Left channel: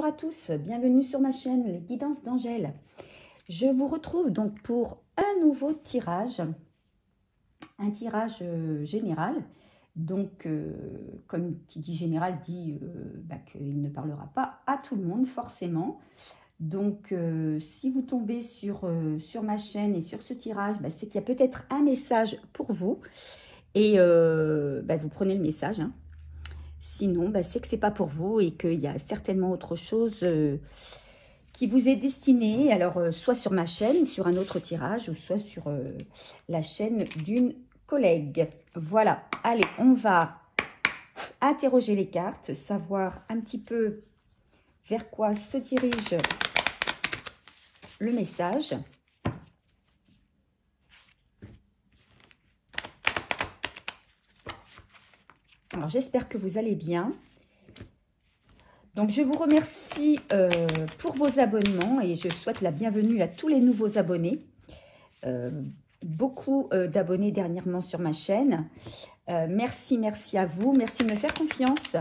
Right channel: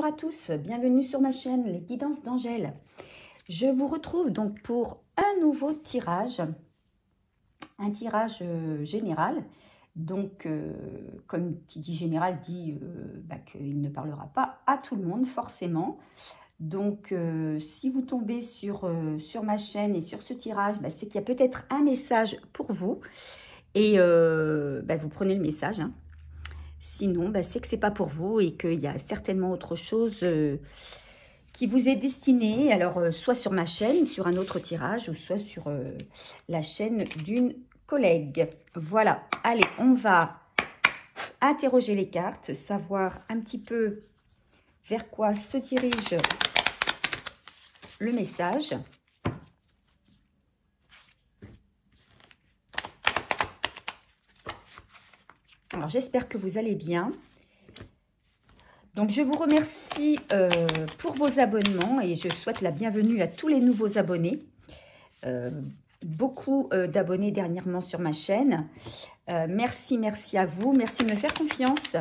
bonjour à tous, bienvenue sur ma chaîne Les Guidances d'Angèle. Je vous retrouve donc pour un nouveau tirage, un tirage général. Donc, comme qui dit général, dit qu'il ne parlera pas à tout le monde forcément. Donc, si vous tombez sur ma chaîne et sur ce tirage, c'est qu'il y a peut-être un message pour vous. Et vous prenez le message, hein. Sinon, c'est que c'est pas pour vous et qu'il y a certainement autre chose qui vous est destinée. Alors, soit sur ma chaîne, sur un autre tirage, ou soit sur la chaîne d'une collègue. Voilà. Allez, on va interroger les cartes, savoir un petit peu vers quoi se dirige le message. Alors, j'espère que vous allez bien. Donc, je vous remercie pour vos abonnements et je souhaite la bienvenue à tous les nouveaux abonnés. Beaucoup d'abonnés dernièrement sur ma chaîne. Merci à vous. Merci de me faire confiance.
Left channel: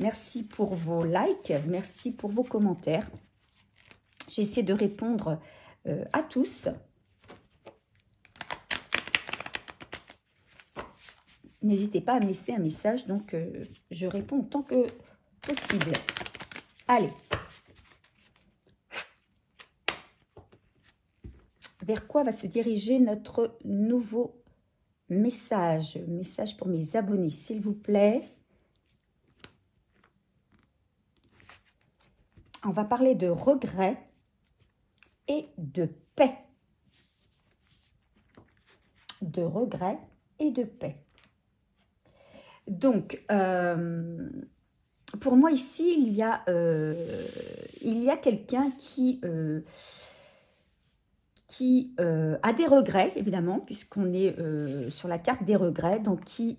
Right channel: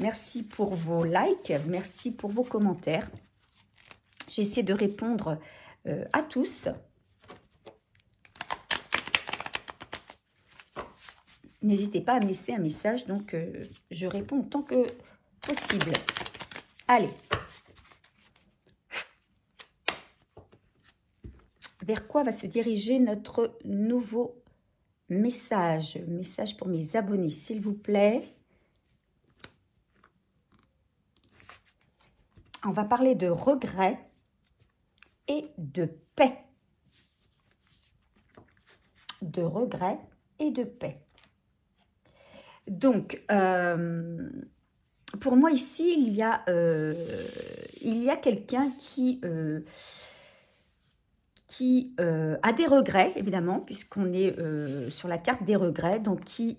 Merci pour vos likes. Merci pour vos commentaires. J'essaie de répondre à tous. N'hésitez pas à me laisser un message, donc je réponds autant que possible. Allez. Vers quoi va se diriger notre nouveau message? Message pour mes abonnés, s'il vous plaît. On va parler de regret et de paix. De regret et de paix. Donc, pour moi ici, il y a quelqu'un qui a des regrets, évidemment, puisqu'on est sur la carte des regrets, donc qui,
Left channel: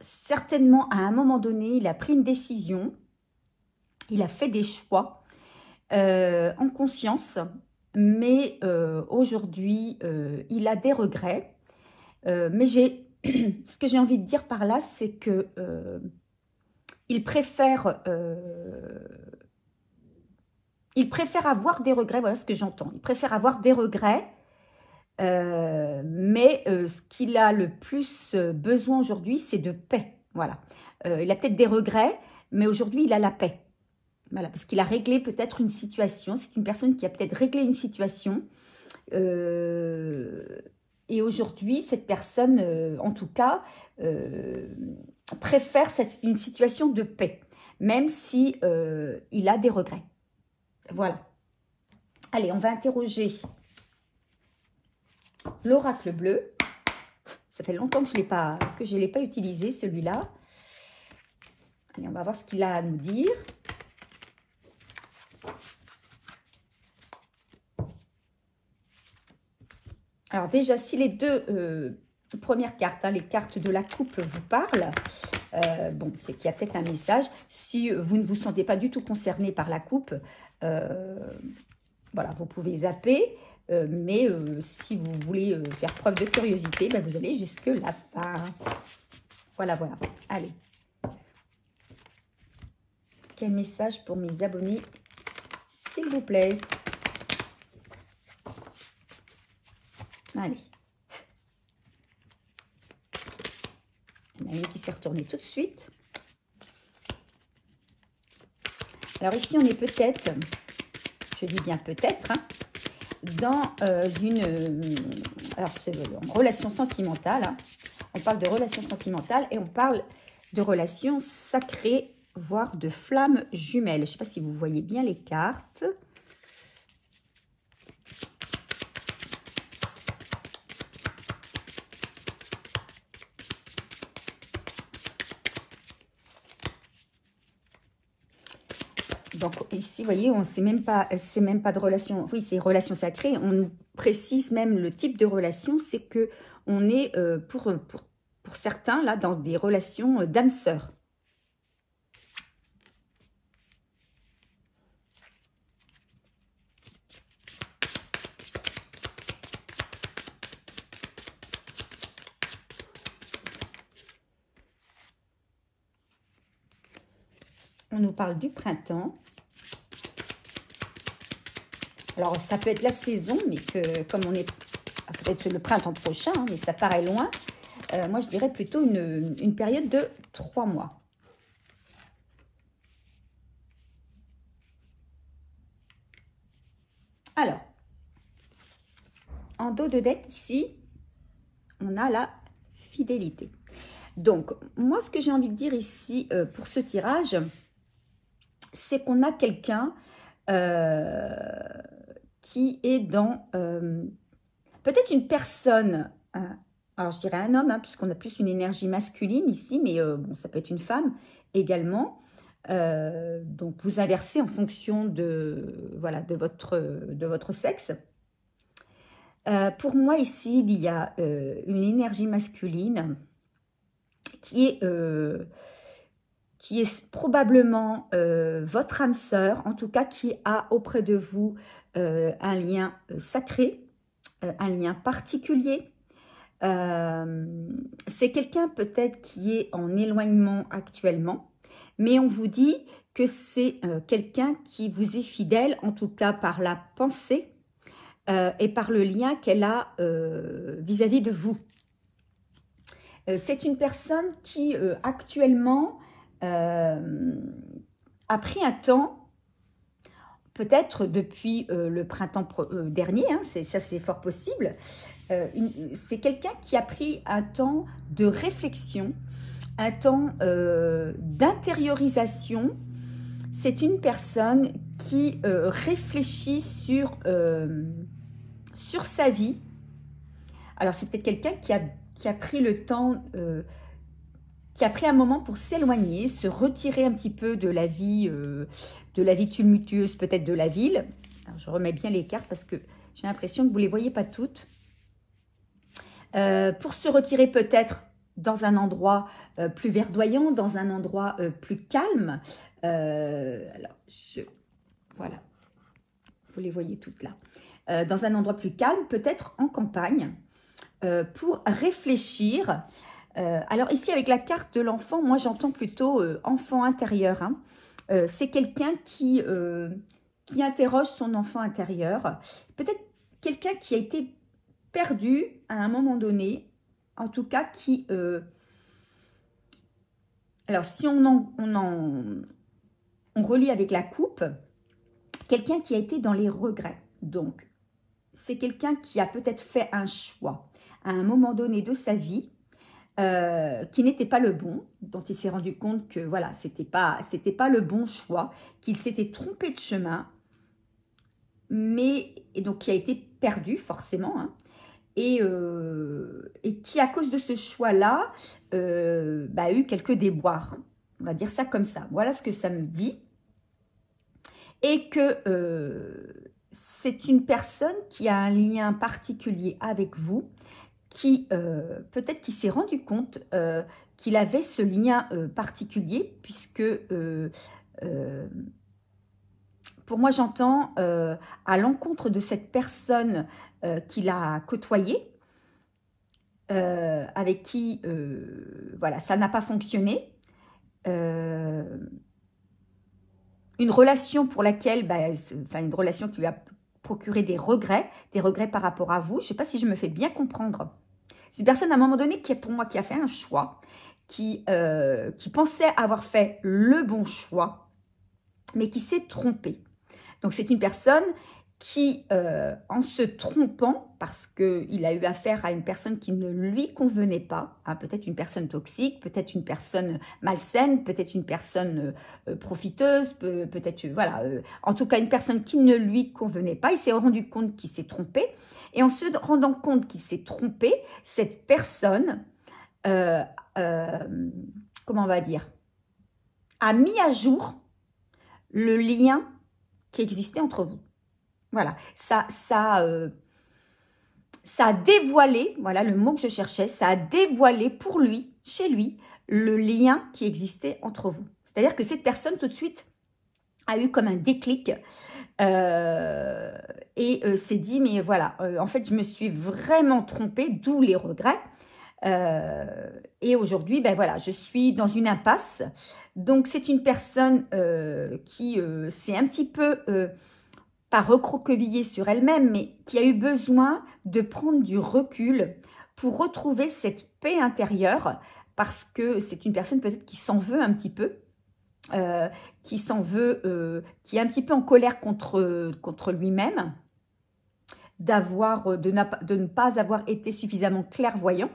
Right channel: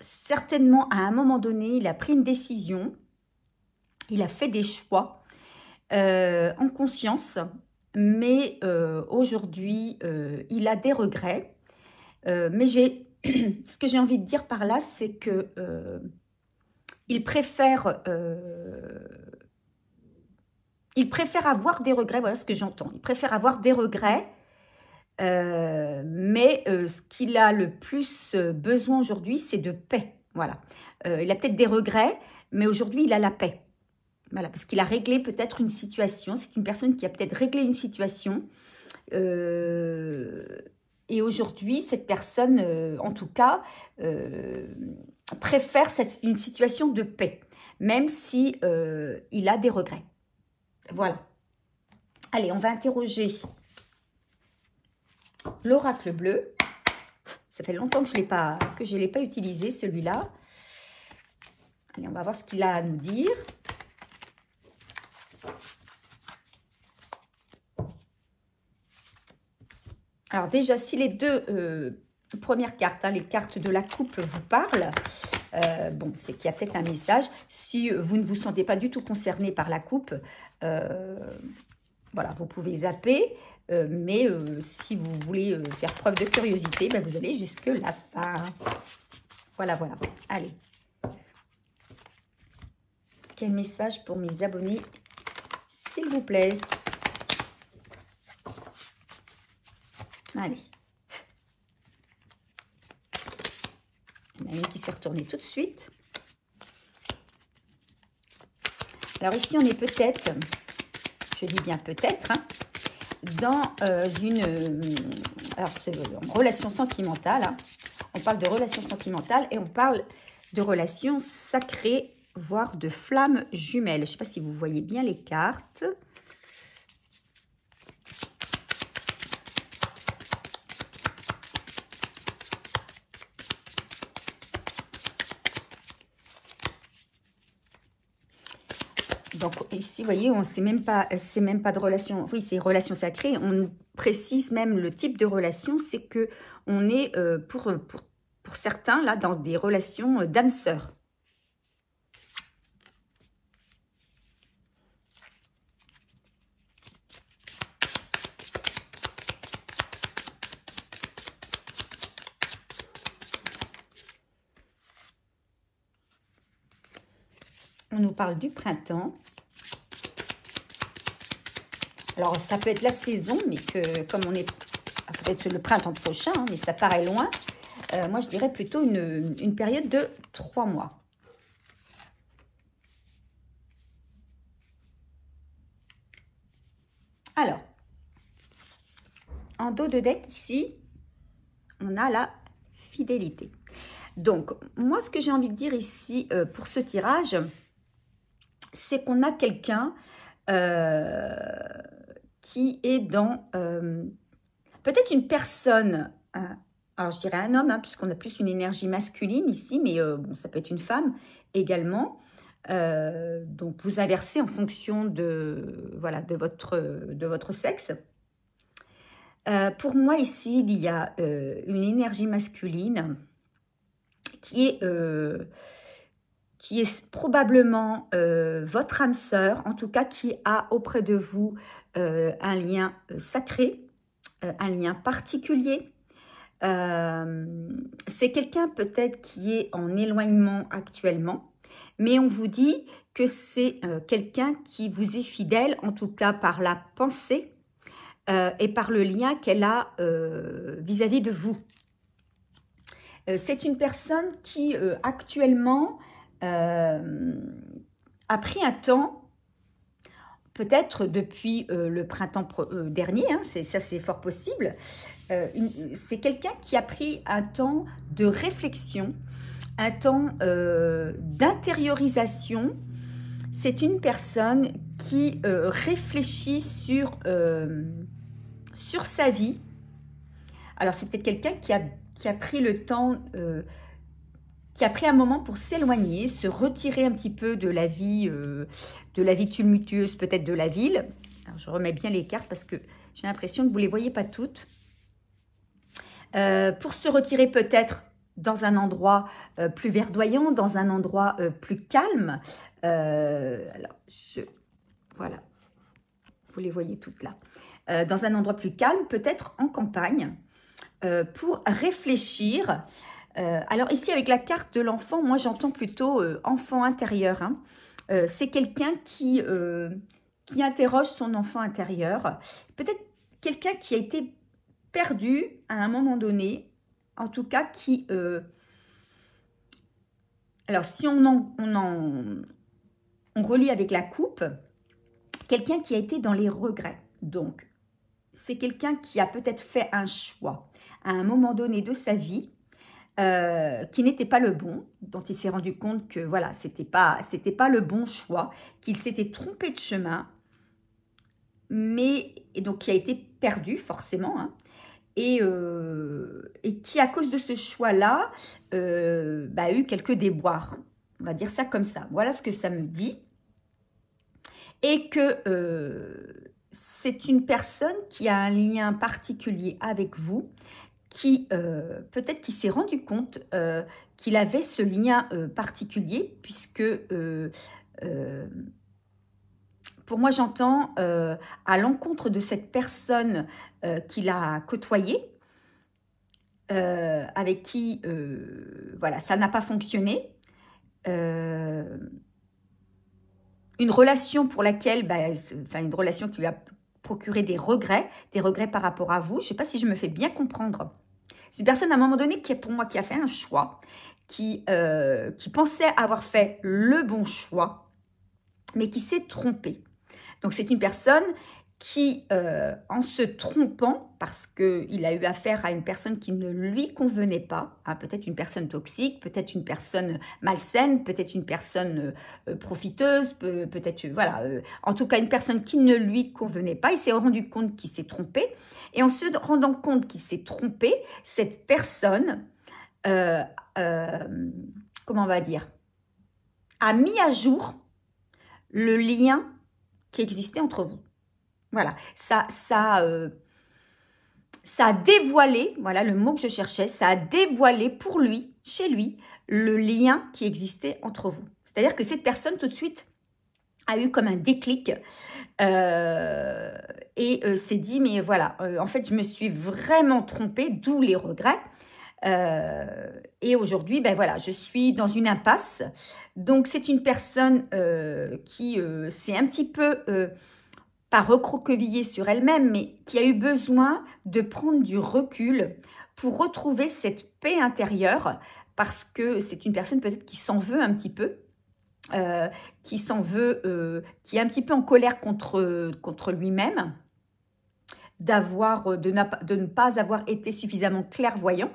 certainement, à un moment donné, il a pris une décision, il a fait des choix en conscience, mais aujourd'hui, il a des regrets, mais ce que j'ai envie de dire par là, c'est que il préfère avoir des regrets. Voilà ce que j'entends. Il préfère avoir des regrets, mais ce qu'il a le plus besoin aujourd'hui, c'est de paix. Voilà. Il a peut-être des regrets, mais aujourd'hui, il a la paix. Voilà, parce qu'il a réglé peut-être une situation. C'est une personne qui a peut-être réglé une situation. Et aujourd'hui, cette personne, en tout cas, préfère une situation de paix, même si il a des regrets. Voilà. Allez, on va interroger l'oracle bleu. Ça fait longtemps que je ne l'ai pas utilisé, celui-là. Allez, on va voir ce qu'il a à nous dire. Alors déjà, si les deux premières cartes, les cartes de la coupe vous parlent, donc c'est qu'il y a peut-être un message. Si vous ne vous sentez pas du tout concerné par la coupe, voilà, vous pouvez zapper. Mais si vous voulez faire preuve de curiosité, vous allez jusque la fin. Voilà. Allez. Quel message pour mes abonnés, s'il vous plaît? Allez. Il y en a une qui s'est retournée tout de suite. Alors ici, on est peut-être, je dis bien peut-être, dans une relation sentimentale. On parle de relation sentimentale et on parle de relation sacrée, voire de flammes jumelles. Je ne sais pas si vous voyez bien les cartes. Ici, vous voyez, c'est même pas de relation, oui, c'est relation sacrée. On précise même le type de relation, c'est que on est pour certains là dans des relations d'âme sœur. On nous parle du printemps. Alors, ça peut être la saison, mais que comme on est... Ça peut être le printemps prochain, hein, mais ça paraît loin. Moi, je dirais plutôt une période de 3 mois. Alors, en dos de deck, ici, on a la fidélité. Donc, moi, ce que j'ai envie de dire ici pour ce tirage, c'est qu'on a quelqu'un qui est dans... peut-être une personne... alors, je dirais un homme, hein, puisqu'on a plus une énergie masculine ici, mais ça peut être une femme également. Donc, vous inversez en fonction de, voilà, de votre sexe. Pour moi, ici, il y a une énergie masculine qui est probablement votre âme sœur, en tout cas qui a auprès de vous un lien sacré, un lien particulier. C'est quelqu'un peut-être qui est en éloignement actuellement, mais on vous dit que c'est quelqu'un qui vous est fidèle, en tout cas par la pensée et par le lien qu'elle a vis-à-vis de vous. C'est une personne qui actuellement a pris un temps, peut-être depuis le printemps dernier, hein, ça c'est fort possible. C'est quelqu'un qui a pris un temps de réflexion, un temps d'intériorisation. C'est une personne qui réfléchit sur sa vie. Alors c'est peut-être quelqu'un qui a pris le temps, qui a pris un moment pour s'éloigner, se retirer un petit peu de la vie tumultueuse peut-être de la ville. Alors, je remets bien les cartes parce que j'ai l'impression que vous ne les voyez pas toutes. Pour se retirer peut-être dans un endroit plus verdoyant, dans un endroit plus calme. Alors, voilà, vous les voyez toutes là. Dans un endroit plus calme, peut-être en campagne, pour réfléchir. Alors ici, avec la carte de l'enfant, moi j'entends plutôt enfant intérieur. Hein. C'est quelqu'un qui interroge son enfant intérieur. Peut-être quelqu'un qui a été perdu à un moment donné, en tout cas qui... alors si on relie avec la coupe, quelqu'un qui a été dans les regrets. Donc, c'est quelqu'un qui a peut-être fait un choix à un moment donné de sa vie qui n'était pas le bon, dont il s'est rendu compte que voilà, c'était pas le bon choix, qu'il s'était trompé de chemin, et donc qui a été perdu forcément, hein, et qui à cause de ce choix-là a eu quelques déboires, on va dire ça comme ça. Voilà ce que ça me dit, et que c'est une personne qui a un lien particulier avec vous, qui peut-être qui s'est rendu compte qu'il avait ce lien particulier, puisque pour moi j'entends à l'encontre de cette personne qu'il a côtoyée, avec qui voilà, ça n'a pas fonctionné, une relation pour laquelle, une relation qui lui a procuré des regrets par rapport à vous. Je ne sais pas si je me fais bien comprendre. C'est une personne à un moment donné qui, pour moi, qui a fait un choix, qui pensait avoir fait le bon choix, mais qui s'est trompée. Donc c'est une personne qui, en se trompant, parce qu'il a eu affaire à une personne qui ne lui convenait pas, hein, peut-être une personne toxique, peut-être une personne malsaine, peut-être une personne profiteuse, peut-être, voilà, en tout cas une personne qui ne lui convenait pas, il s'est rendu compte qu'il s'est trompé, et en se rendant compte qu'il s'est trompé, cette personne, comment on va dire, a mis à jour le lien qui existait entre vous. Voilà, ça a dévoilé, voilà le mot que je cherchais, ça a dévoilé pour lui, chez lui, le lien qui existait entre vous. C'est-à-dire que cette personne, tout de suite, a eu comme un déclic et s'est dit, mais voilà, en fait, je me suis vraiment trompée, d'où les regrets. Et aujourd'hui, ben voilà, je suis dans une impasse. Donc, c'est une personne qui s'est un petit peu, pas recroquevillée sur elle-même, mais qui a eu besoin de prendre du recul pour retrouver cette paix intérieure, parce que c'est une personne peut-être qui s'en veut un petit peu, qui s'en veut, qui est un petit peu en colère contre lui-même, de ne pas avoir été suffisamment clairvoyant.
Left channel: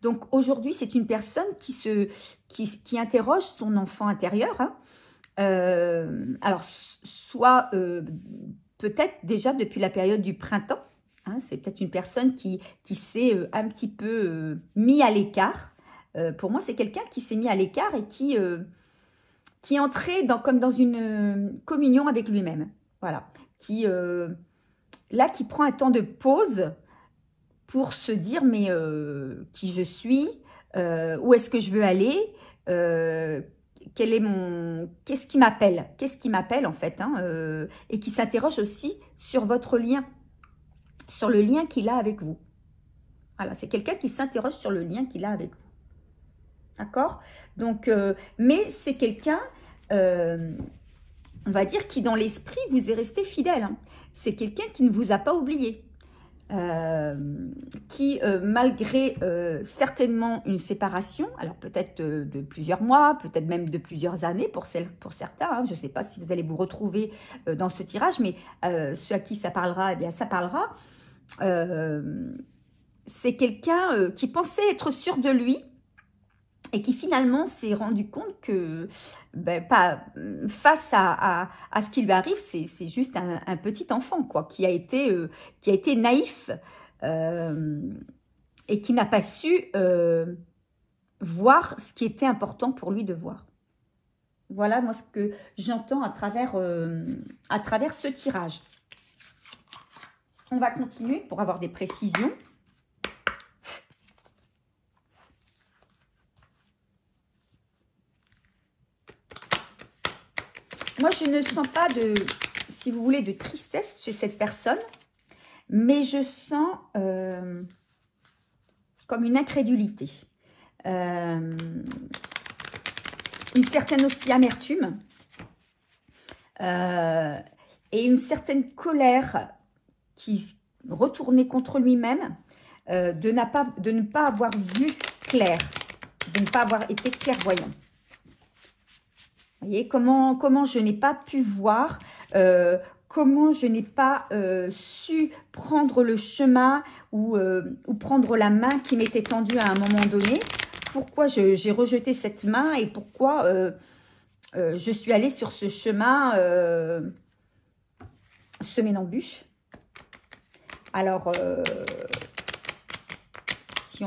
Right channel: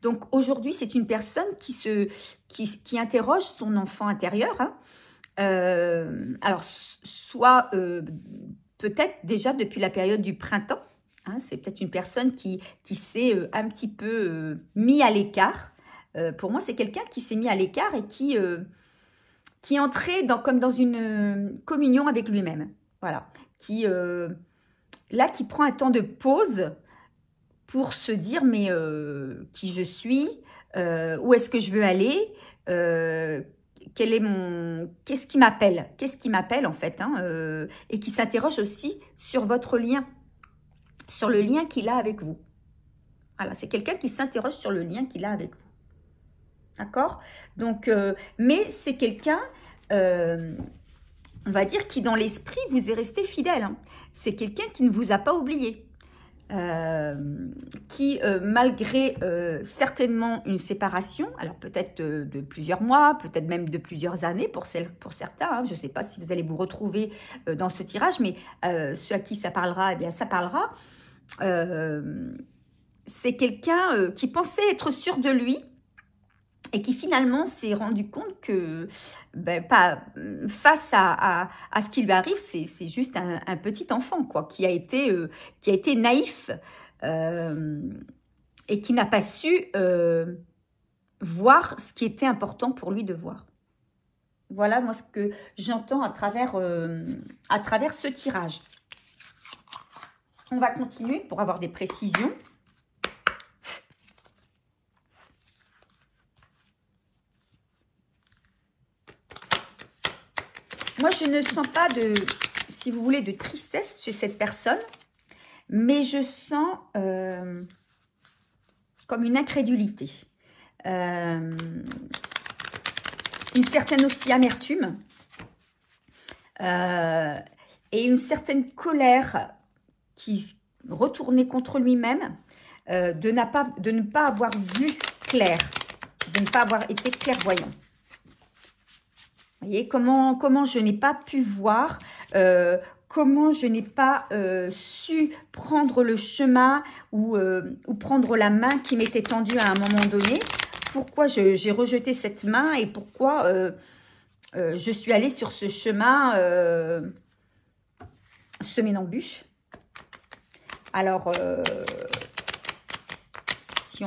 Donc aujourd'hui, c'est une personne qui interroge son enfant intérieur. Hein. Alors, soit peut-être déjà depuis la période du printemps, hein, c'est peut-être une personne qui s'est un petit peu mis à l'écart. Pour moi, c'est quelqu'un qui s'est mis à l'écart et qui est entré comme dans une communion avec lui-même. Voilà. Qui prend un temps de pause pour se dire, mais qui je suis, où est-ce que je veux aller, qu'est-ce qui m'appelle en fait, hein, et qui s'interroge aussi sur votre lien, sur le lien qu'il a avec vous. Voilà, c'est quelqu'un qui s'interroge sur le lien qu'il a avec vous. D'accord? Donc, mais c'est quelqu'un, on va dire, qui dans l'esprit vous est resté fidèle. Hein. C'est quelqu'un qui ne vous a pas oublié. Qui, malgré certainement une séparation, alors peut-être de plusieurs mois, peut-être même de plusieurs années pour certains, hein, je ne sais pas si vous allez vous retrouver dans ce tirage, mais ceux à qui ça parlera, eh bien ça parlera. C'est quelqu'un qui pensait être sûr de lui et qui finalement s'est rendu compte que face à ce qui lui arrive, c'est juste un petit enfant quoi, qui a été naïf et qui n'a pas su voir ce qui était important pour lui de voir. Voilà moi ce que j'entends à travers ce tirage. On va continuer pour avoir des précisions. Moi, je ne sens pas si vous voulez, de tristesse chez cette personne, mais je sens comme une incrédulité, une certaine aussi amertume et une certaine colère qui retournait contre lui-même, de ne pas avoir vu clair, de ne pas avoir été clairvoyant. Vous voyez, comment je n'ai pas pu voir, comment je n'ai pas su prendre le chemin ou prendre la main qui m'était tendue à un moment donné. Pourquoi j'ai rejeté cette main et pourquoi je suis allée sur ce chemin semé d'embûches. Alors, si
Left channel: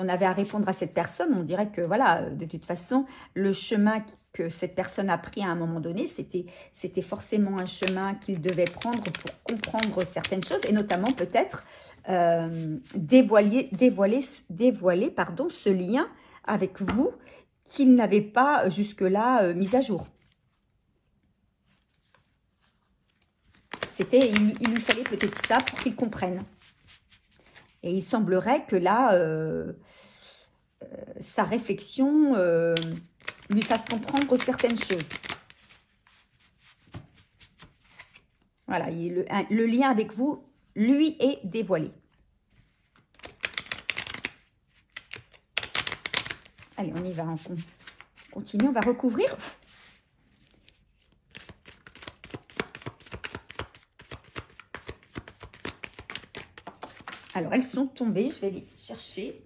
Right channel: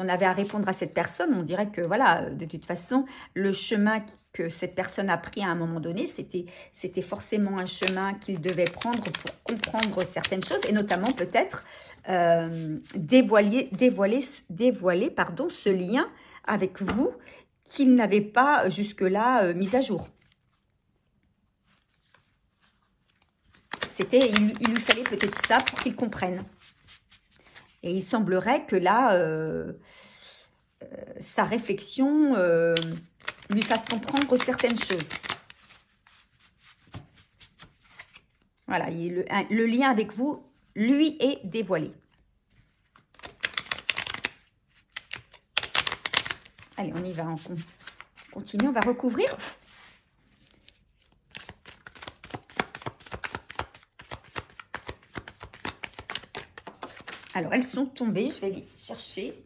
on avait à répondre à cette personne, on dirait que voilà, de toute façon, le chemin que cette personne a pris à un moment donné, c'était forcément un chemin qu'il devait prendre pour comprendre certaines choses, et notamment peut-être dévoiler ce lien avec vous qu'il n'avait pas jusque-là mis à jour. Il lui fallait peut-être ça pour qu'il comprenne. Et il semblerait que là, sa réflexion lui fasse comprendre certaines choses. Voilà, le lien avec vous, lui, est dévoilé. Allez, on y va, on continue, on va recouvrir. Alors, elles sont tombées, je vais les chercher.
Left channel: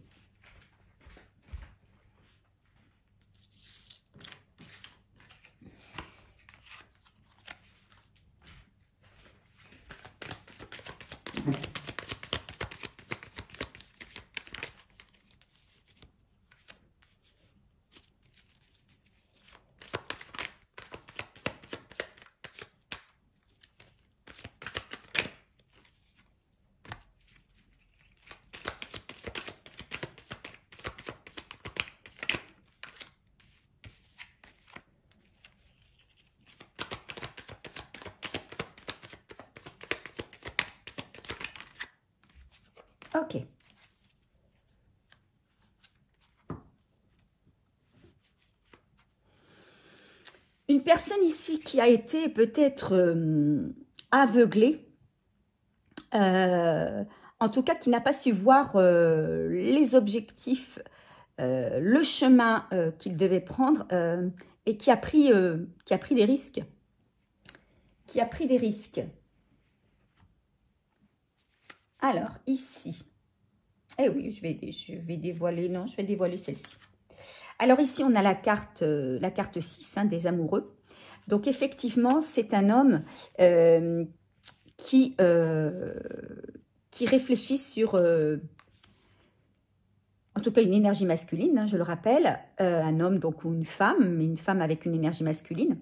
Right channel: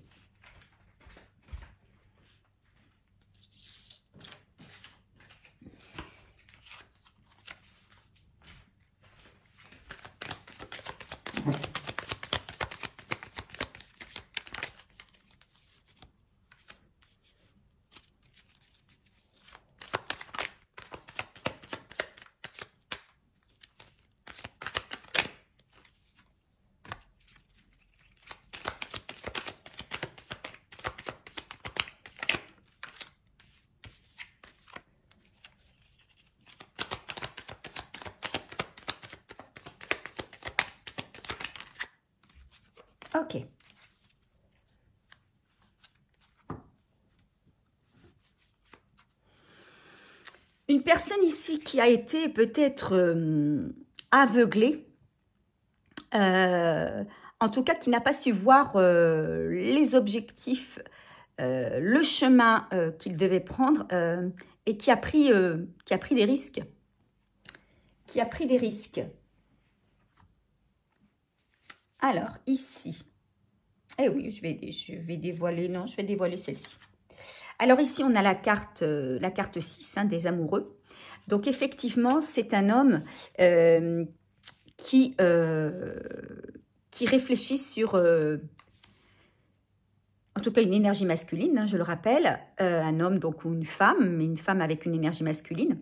personne ici qui a été peut-être aveuglée, en tout cas qui n'a pas su voir les objectifs, le chemin qu'il devait prendre et qui a pris des risques. Qui a pris des risques. Alors, ici, eh oui, je vais dévoiler, non, je vais dévoiler celle-ci. Alors ici, on a la carte 6 hein, des amoureux. Donc effectivement, c'est un homme qui réfléchit sur, en tout cas, une énergie masculine, hein, je le rappelle. Un homme donc ou une femme, mais une femme avec une énergie masculine.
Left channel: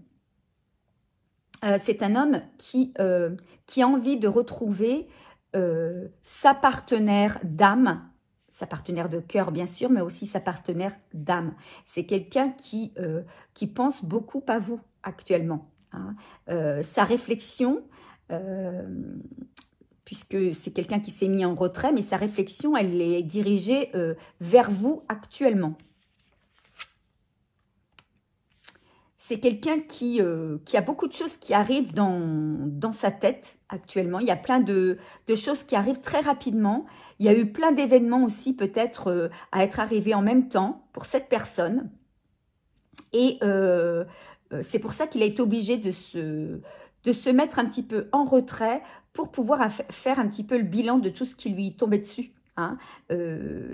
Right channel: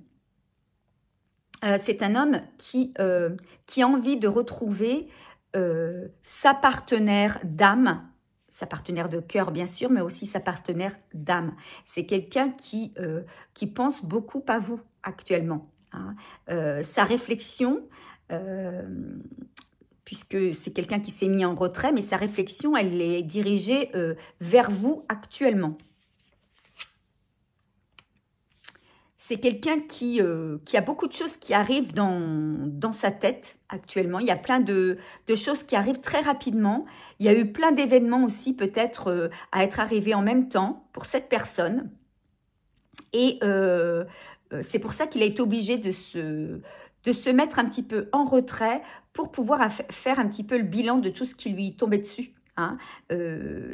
C'est un homme qui a envie de retrouver sa partenaire d'âme, sa partenaire de cœur bien sûr, mais aussi sa partenaire d'âme. C'est quelqu'un qui pense beaucoup à vous actuellement. Hein. Sa réflexion, puisque c'est quelqu'un qui s'est mis en retrait, mais sa réflexion, elle est dirigée vers vous actuellement. C'est quelqu'un qui a beaucoup de choses qui arrivent dans sa tête actuellement. Il y a plein de choses qui arrivent très rapidement. Il y a eu plein d'événements aussi peut-être à être arrivés en même temps pour cette personne. Et c'est pour ça qu'il est obligé de se mettre un petit peu en retrait pour pouvoir faire un petit peu le bilan de tout ce qui lui tombait dessus. Hein.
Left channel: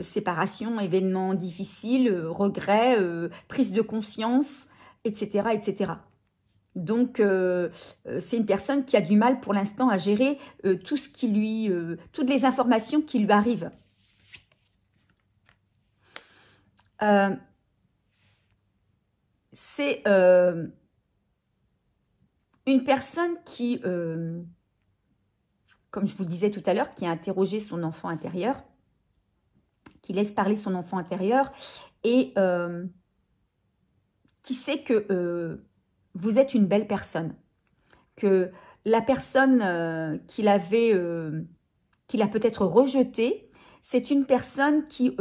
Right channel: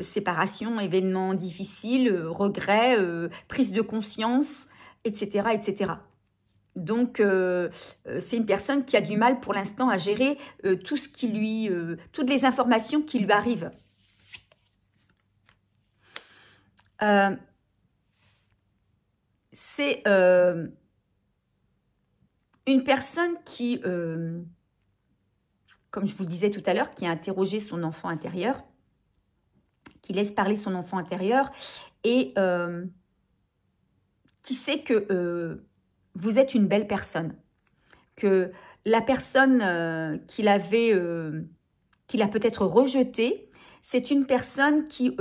Séparation, événements difficiles, regrets, prise de conscience, etc. etc. Donc, c'est une personne qui a du mal pour l'instant à gérer tout ce qui toutes les informations qui lui arrivent. C'est une personne qui, comme je vous le disais tout à l'heure, qui a interrogé son enfant intérieur, qui laisse parler son enfant intérieur et qui sait que vous êtes une belle personne, que la personne qu'il a peut-être rejetée, c'est une personne qui,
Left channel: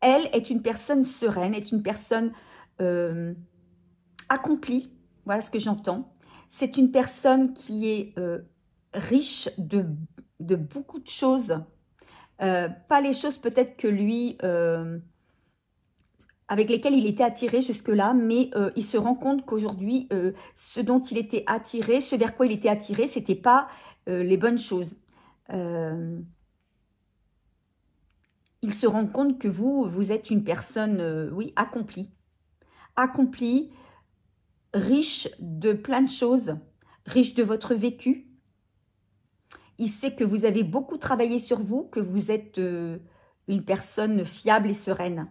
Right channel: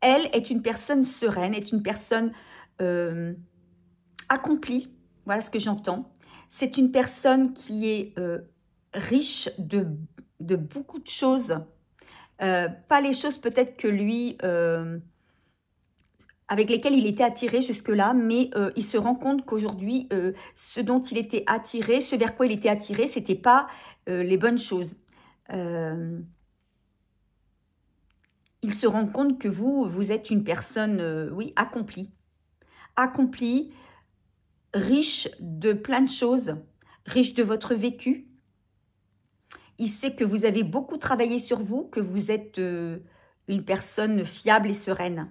elle, est une personne sereine, est une personne accomplie, voilà ce que j'entends. C'est une personne qui est riche de beaucoup de choses, pas les choses peut-être que lui... avec lesquels il était attiré jusque-là, mais il se rend compte qu'aujourd'hui, ce dont il était attiré, ce vers quoi il était attiré, ce n'était pas les bonnes choses. Il se rend compte que vous êtes une personne, oui, accomplie. Accomplie, riche de plein de choses, riche de votre vécu. Il sait que vous avez beaucoup travaillé sur vous, que vous êtes une personne fiable et sereine.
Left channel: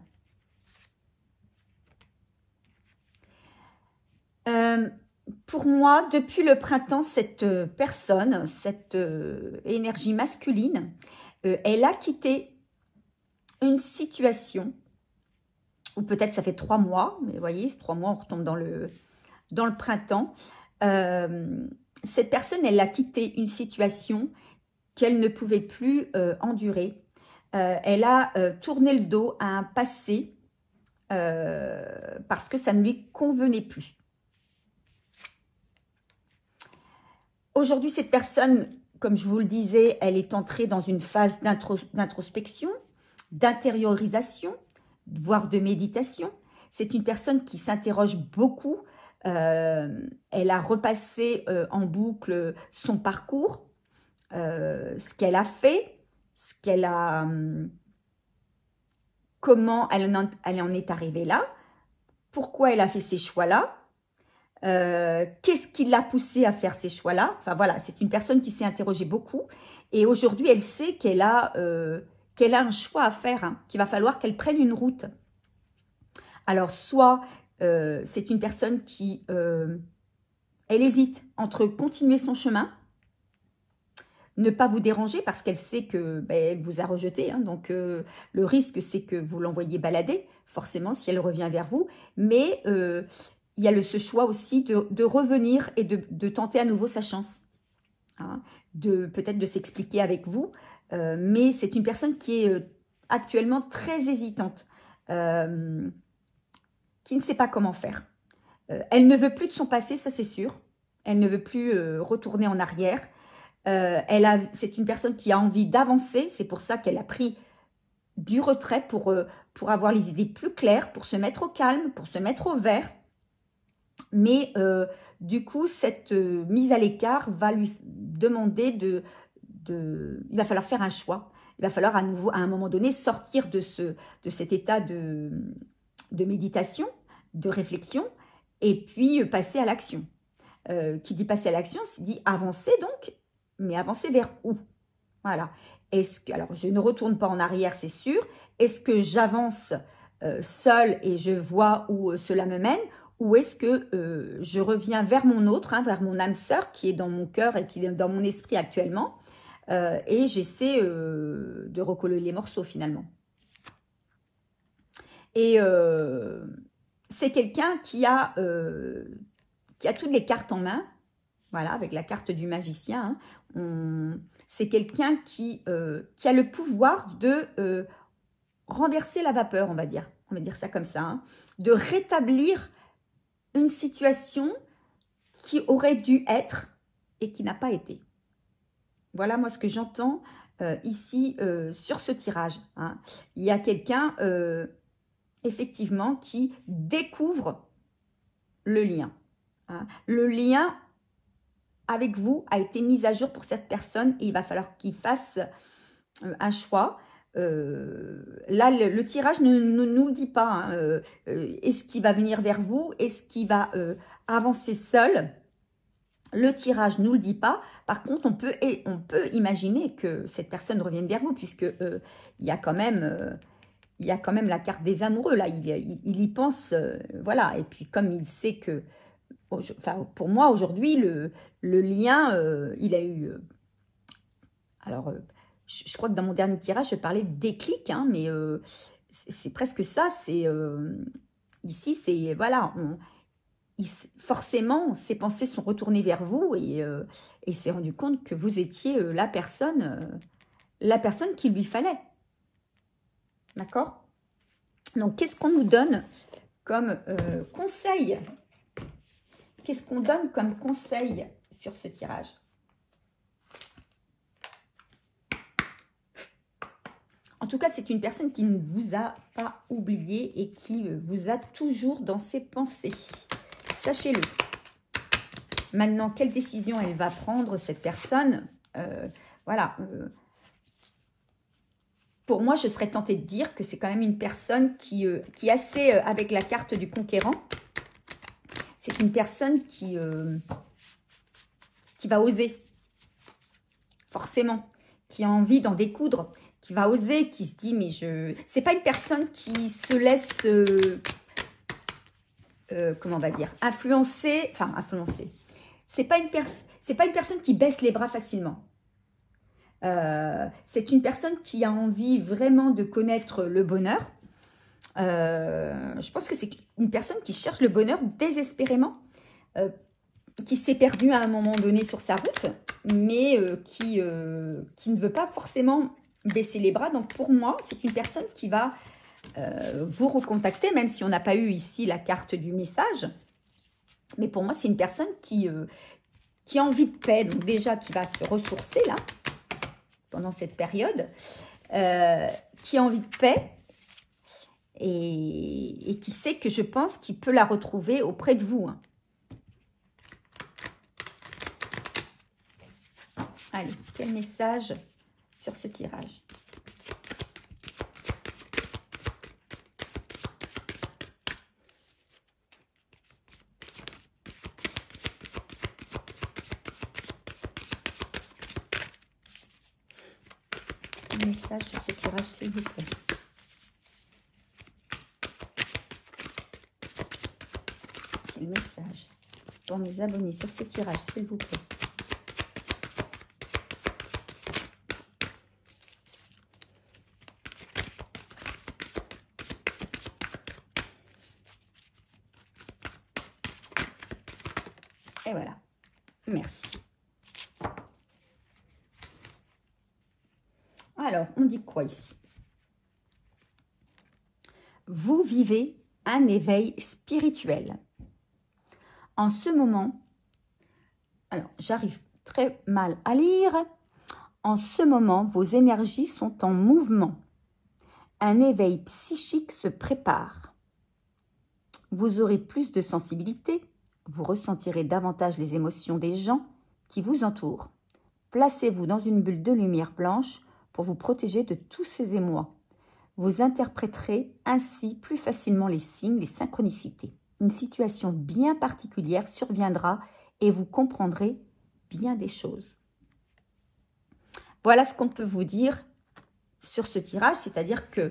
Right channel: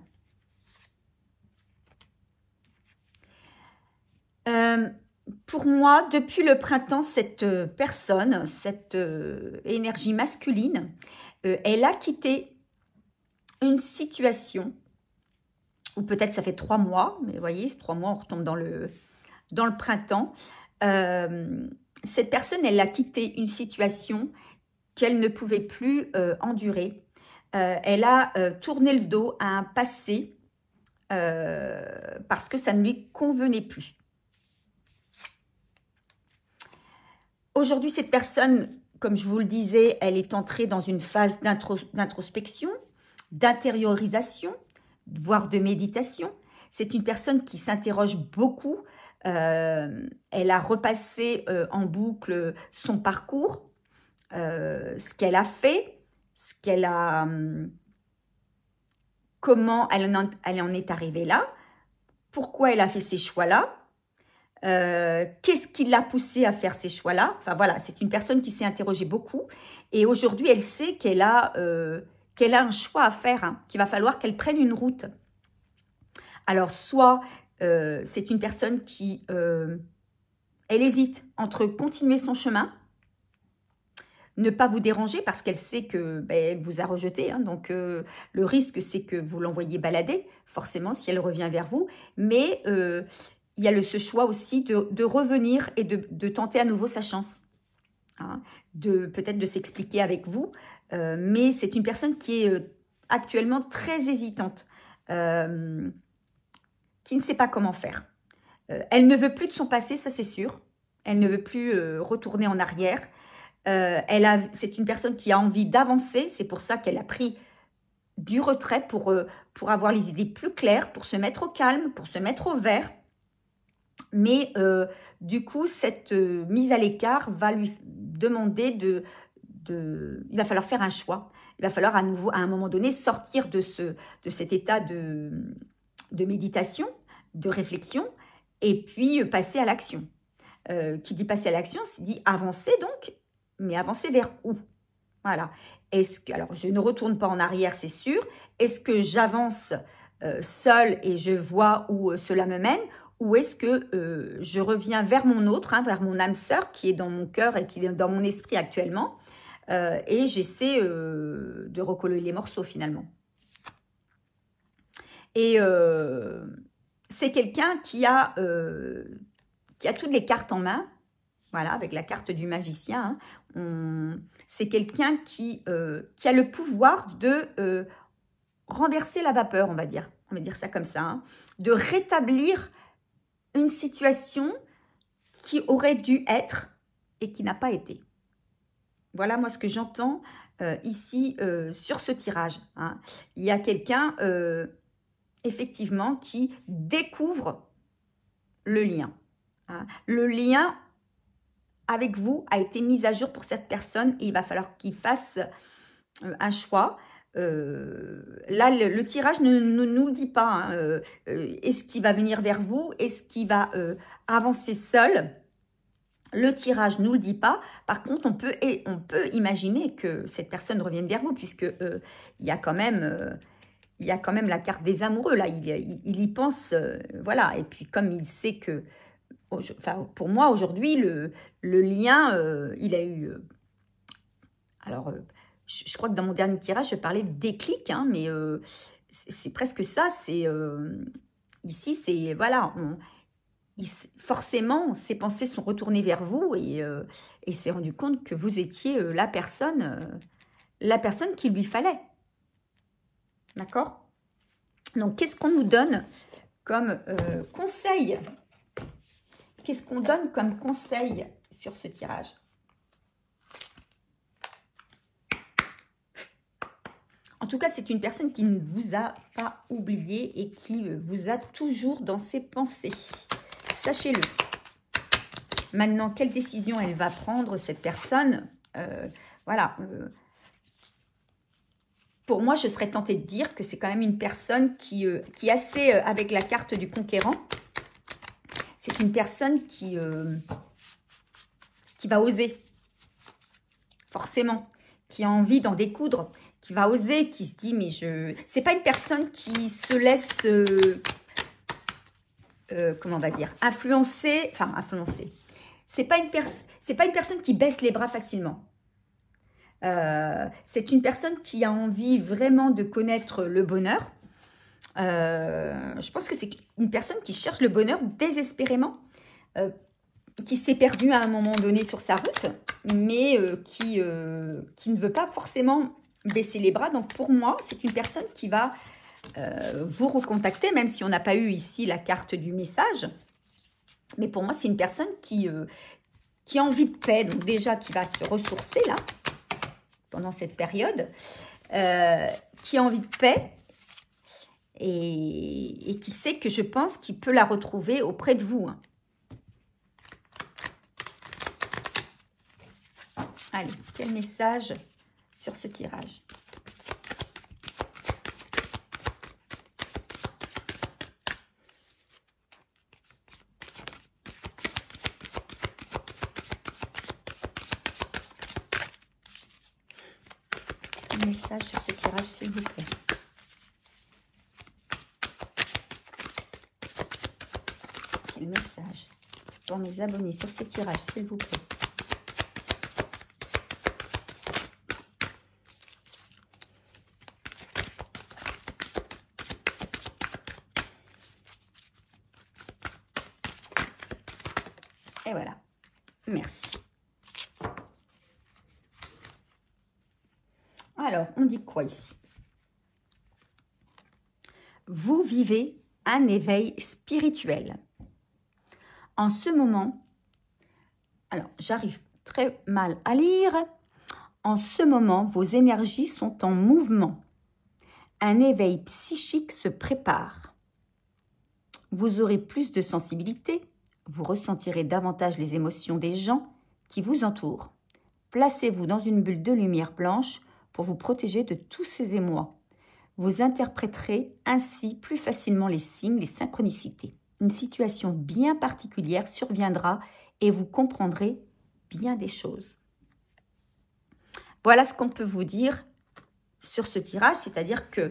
Pour moi, depuis le printemps, cette personne, cette énergie masculine, elle a quitté une situation, ou peut-être ça fait 3 mois, mais vous voyez, 3 mois, on retombe dans le printemps. Cette personne, elle a quitté une situation qu'elle ne pouvait plus endurer. Elle a tourné le dos à un passé parce que ça ne lui convenait plus. Aujourd'hui, cette personne, comme je vous le disais, elle est entrée dans une phase d'introspection, d'intériorisation, voire de méditation. C'est une personne qui s'interroge beaucoup. Elle a repassé en boucle son parcours, ce qu'elle a fait, comment elle en est arrivée là, pourquoi elle a fait ces choix-là. Qu'est-ce qui l'a poussée à faire ces choix-là? Enfin voilà, c'est une personne qui s'est interrogée beaucoup et aujourd'hui elle sait qu'elle a un choix à faire, hein, qu'il va falloir qu'elle prenne une route. Alors soit c'est une personne qui elle hésite entre continuer son chemin, ne pas vous déranger parce qu'elle sait que elle vous a rejeté, hein, donc le risque c'est que vous l'envoyez balader forcément si elle revient vers vous, mais il y a ce choix aussi de revenir et de tenter à nouveau sa chance. Hein, peut-être de s'expliquer avec vous. Mais c'est une personne qui est actuellement très hésitante. Qui ne sait pas comment faire. Elle ne veut plus de son passé, ça c'est sûr. Elle ne veut plus retourner en arrière. C'est une personne qui a envie d'avancer. C'est pour ça qu'elle a pris du retrait pour avoir les idées plus claires, pour se mettre au calme, pour se mettre au vert. Mais du coup, cette mise à l'écart va lui demander il va falloir faire un choix. Il va falloir à nouveau, à un moment donné, sortir de cet état de méditation, de réflexion, et puis passer à l'action. Qui dit passer à l'action, c'est dit avancer donc, mais avancer vers où? Voilà. Alors, je ne retourne pas en arrière, c'est sûr. Est-ce que j'avance seule et je vois où cela me mène? Ou est-ce que je reviens vers mon autre, hein, vers mon âme sœur qui est dans mon cœur et qui est dans mon esprit actuellement et j'essaie de recoller les morceaux finalement. Et c'est quelqu'un qui a toutes les cartes en main, voilà, avec la carte du magicien. Hein. C'est quelqu'un qui a le pouvoir de renverser la vapeur, on va dire ça comme ça, hein, de rétablir une situation qui aurait dû être et qui n'a pas été. Voilà moi ce que j'entends ici sur ce tirage. Hein. Il y a quelqu'un effectivement qui découvre le lien. Hein. Le lien avec vous a été mis à jour pour cette personne et il va falloir qu'il fasse un choix. Là, le tirage ne nous le dit pas. Hein. Est-ce qu'il va venir vers vous? Est-ce qu'il va avancer seul? Le tirage ne nous le dit pas. Par contre, on peut imaginer que cette personne revienne vers vous puisque il y a quand même la carte des amoureux. Là, il y pense. Voilà. Et puis, comme il sait que... Enfin, pour moi, aujourd'hui, le lien, il a eu... alors... je crois que dans mon dernier tirage, je parlais de déclic, hein, mais c'est presque ça. Ici, c'est voilà, forcément, ses pensées sont retournées vers vous et il s'est rendu compte que vous étiez la personne qu'il lui fallait. D'accord? Donc, qu'est-ce qu'on nous donne comme conseil? Qu'est-ce qu'on donne comme conseil sur ce tirage? En tout cas, c'est une personne qui ne vous a pas oublié et qui vous a toujours dans ses pensées. Sachez-le. Maintenant, quelle décision elle va prendre, cette personne? Voilà. Pour moi, je serais tentée de dire que c'est quand même une personne qui est assez, avec la carte du conquérant, c'est une personne qui va oser, forcément, qui a envie d'en découdre, qui va oser, qui se dit, mais c'est pas une personne qui se laisse, comment on va dire, influencer, c'est pas une personne qui baisse les bras facilement. C'est une personne qui a envie vraiment de connaître le bonheur. Je pense que c'est une personne qui cherche le bonheur désespérément, qui s'est perdue à un moment donné sur sa route, mais qui ne veut pas forcément baisser les bras. Donc pour moi, c'est une personne qui va vous recontacter, même si on n'a pas eu ici la carte du message. Mais pour moi, c'est une personne qui a envie de paix, donc déjà qui va se ressourcer là, pendant cette période, qui a envie de paix et qui sait que je pense qu'il peut la retrouver auprès de vous. Hein. Allez, quel message sur ce tirage? Un message sur ce tirage, s'il vous plaît. Quel message pour mes abonnés sur ce tirage, s'il vous plaît. Et voilà. Merci. Alors, on dit quoi ici? Vous vivez un éveil spirituel. En ce moment, alors j'arrive très mal à lire. En ce moment, vos énergies sont en mouvement. Un éveil psychique se prépare. Vous aurez plus de sensibilité. Vous ressentirez davantage les émotions des gens qui vous entourent. Placez-vous dans une bulle de lumière blanche pour vous protéger de tous ces émois. Vous interpréterez ainsi plus facilement les signes, les synchronicités. Une situation bien particulière surviendra et vous comprendrez bien des choses. Voilà ce qu'on peut vous dire sur ce tirage, c'est-à-dire que,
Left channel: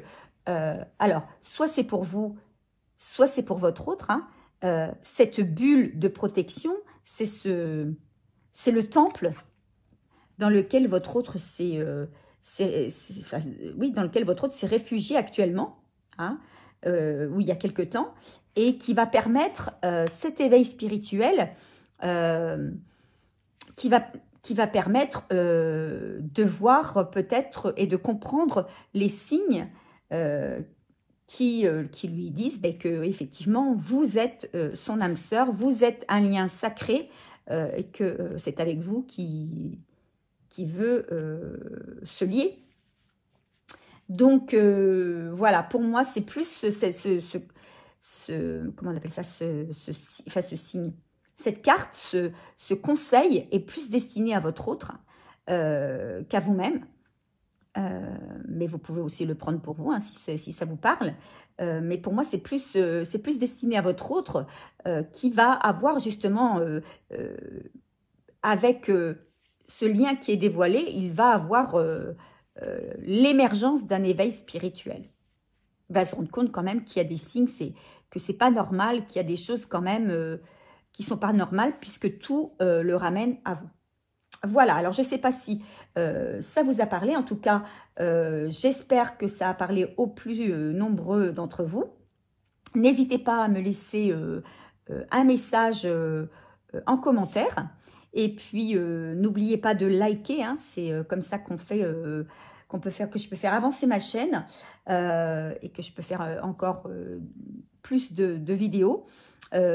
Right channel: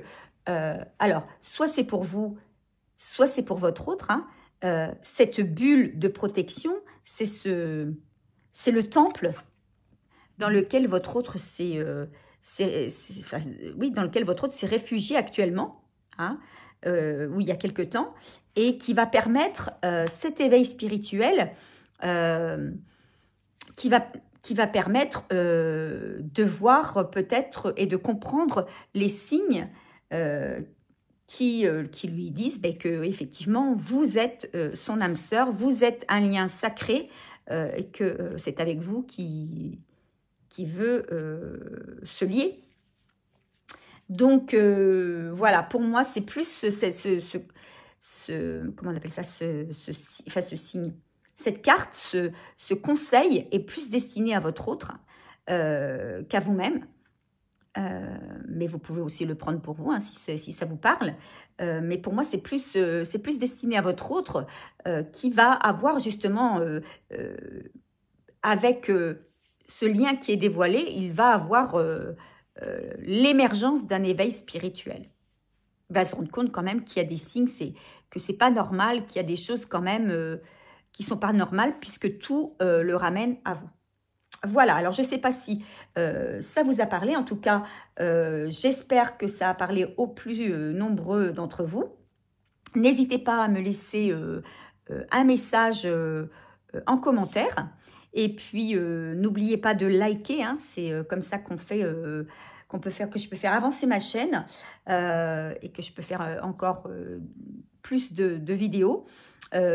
alors, soit c'est pour vous, soit c'est pour votre autre. Hein. Cette bulle de protection, c'est le temple dans lequel votre autre s'est réfugié actuellement, hein, il y a quelque temps, et qui va permettre cet éveil spirituel, qui va permettre de voir peut-être et de comprendre les signes qui lui disent que effectivement vous êtes son âme sœur, vous êtes un lien sacré et que c'est avec vous qui veut se lier. Donc voilà, pour moi c'est plus comment on appelle ça, ce signe. Cette carte, ce conseil est plus destiné à votre autre qu'à vous-même. Mais vous pouvez aussi le prendre pour vous, hein, si ça vous parle. Mais pour moi, c'est plus destiné à votre autre qui va avoir justement, avec ce lien qui est dévoilé, il va avoir l'émergence d'un éveil spirituel. Il va se rendre compte quand même qu'il y a des signes, que c'est pas normal, qu'il y a des choses quand même qui sont pas normales, puisque tout le ramène à vous. Voilà, alors je ne sais pas si ça vous a parlé. En tout cas, j'espère que ça a parlé aux plus nombreux d'entre vous. N'hésitez pas à me laisser un message en commentaire. Et puis, n'oubliez pas de liker. Hein, c'est comme ça que je peux faire avancer ma chaîne et que je peux faire encore plus de vidéos.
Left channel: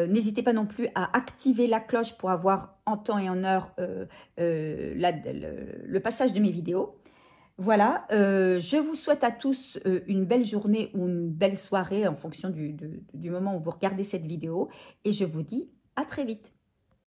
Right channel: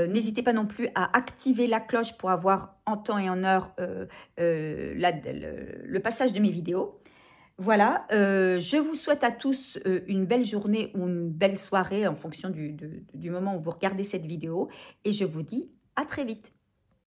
N'hésitez pas non plus à activer la cloche pour avoir en temps et en heure le passage de mes vidéos. Voilà, je vous souhaite à tous une belle journée ou une belle soirée en fonction du moment où vous regardez cette vidéo. Et je vous dis à très vite.